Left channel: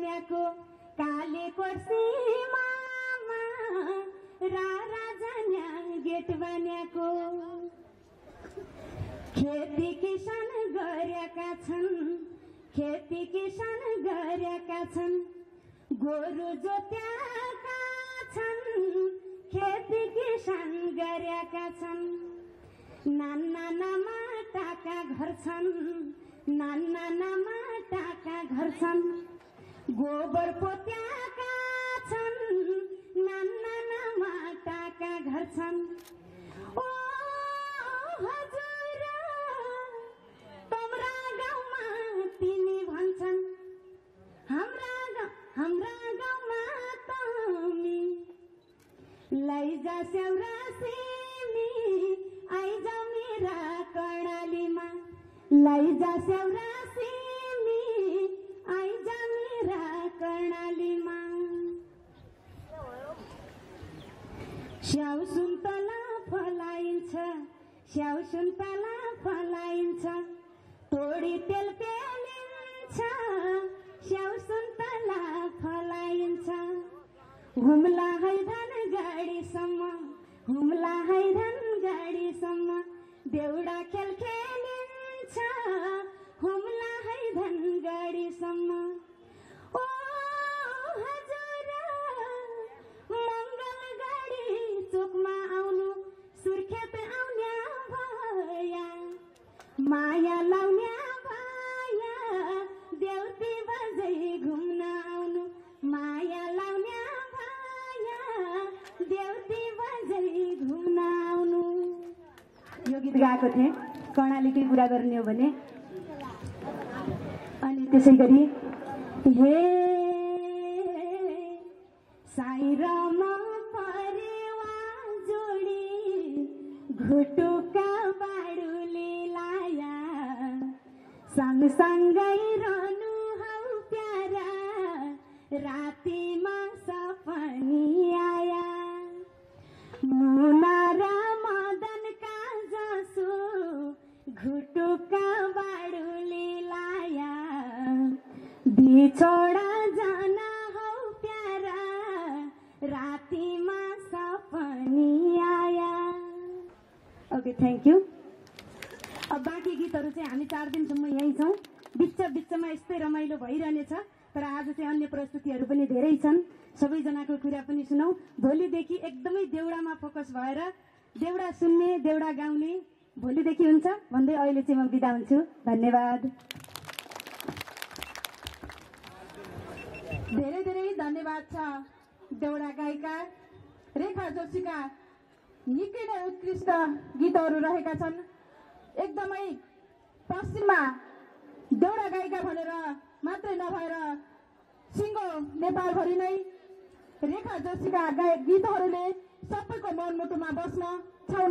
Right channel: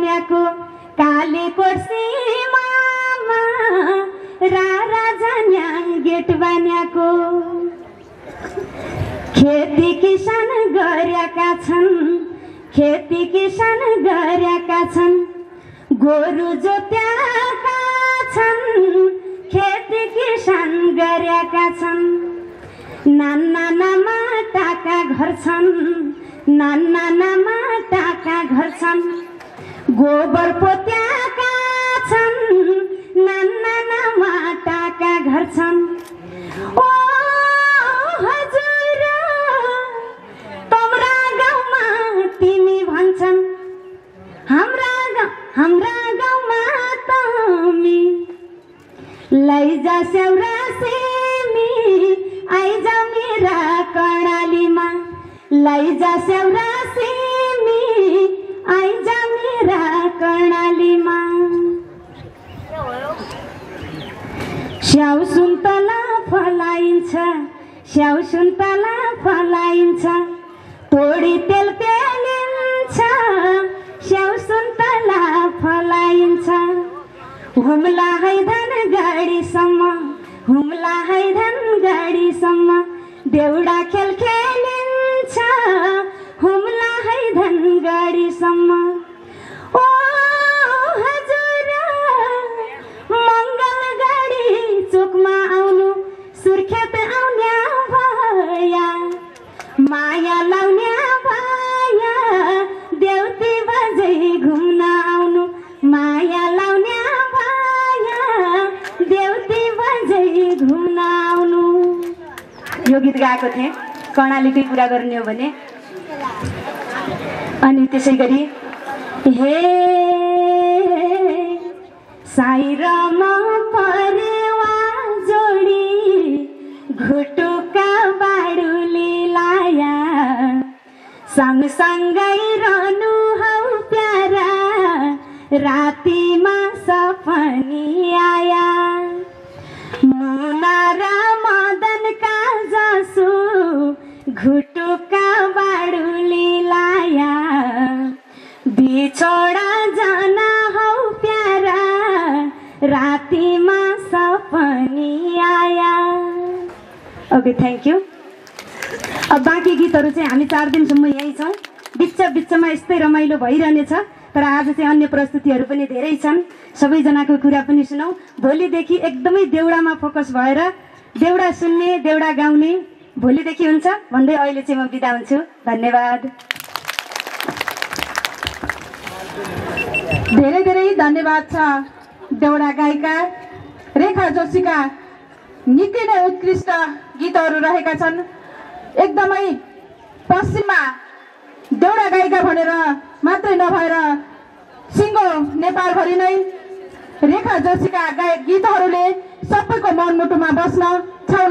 न्याको काले कोर्सी मामा राजा न्याङ गेट बान्याको खेती किसान गरेका छन् खेती किसान गरेका छन् गोरु जोत्याका छन् खेती किसान गरेका छन् नाना माटाका घर छन् नाना माटाका घर छन् गोबर पोत्याका छन् नाना माटाका घर छन् ओ हजुर तम्रा गाउँमा तिमी भन्छन् हाम्रा गाउँमा तमी लैजा सेउरा सेमी आइजा मेरा कर्णालीमा लैजा सेउरा सेमी आइजा मेरा कर्णालीमा स्याउ सुन्तला फलाइन्छ स्याउ सुन्तला फलाइन्छ तोडी तेल पेलिन्छ स्याउ सुन्तला फलाइन्छ हुम्ला है धन गाडीसम्म हुम्ला है धन गाडीसम्म देउडा खेल खेलिन्छ हुम्ला है धन गाडीसम्म ओ हजुर मङ्गल गाडी चोकमा आउनु सुर्खेत आउन्या भया माया लाउन्या भया देउती बजै घुम्न आउनु माया लाउन्या भया देउती बजै घुम्न आउनु। यो गीत गाएको थिएँ कर्णालीकै कुरा गर्ने हो भने। अनि त्यसै गरी हे साइरमा परेवा जोडी घुटुका बाडुली लाया सँगसँगै रहनु हौ प्यारा रातिमा सपनी आया मुना र मदनका जसो घुटुका बाडुली लाया बिछोडा जाना हौ प्यारा रातिमा सपनी आया। Okay thank you. अब बाँकी गीतहरू चाहिँ हामी 4 दिनसम्म यहीँ छौँ। बिचमा यस्तै रमाइलो भइरहनेछ। तर आज चाहिँ अन्य प्रस्तुतिहरू पनि धेरै छन्। सबैजनाको कुरा पनि सुनौँ। भोलिदेखि एकदमै देउडामा फोकस भएर देउडा सुन्ने देउडा गाउने भोलिदेखि हुन्छ भन्दै अहिले चाहिँ म बिदा हुन्छु। धन्यवाद। धेरै धेरै धन्यवाद छ देउडा गायिका रेखा जोशीका निकै नै उत्कृष्ट गीतहरू रहेका छन्। एकदमै पश्चिममा देउडा गायिका भनेर मात्रै नभएर सिङ्गो नेपालभरि नै रेखा जोशीका गीतहरूले सबैको मनमुटुमा बस्न छाउन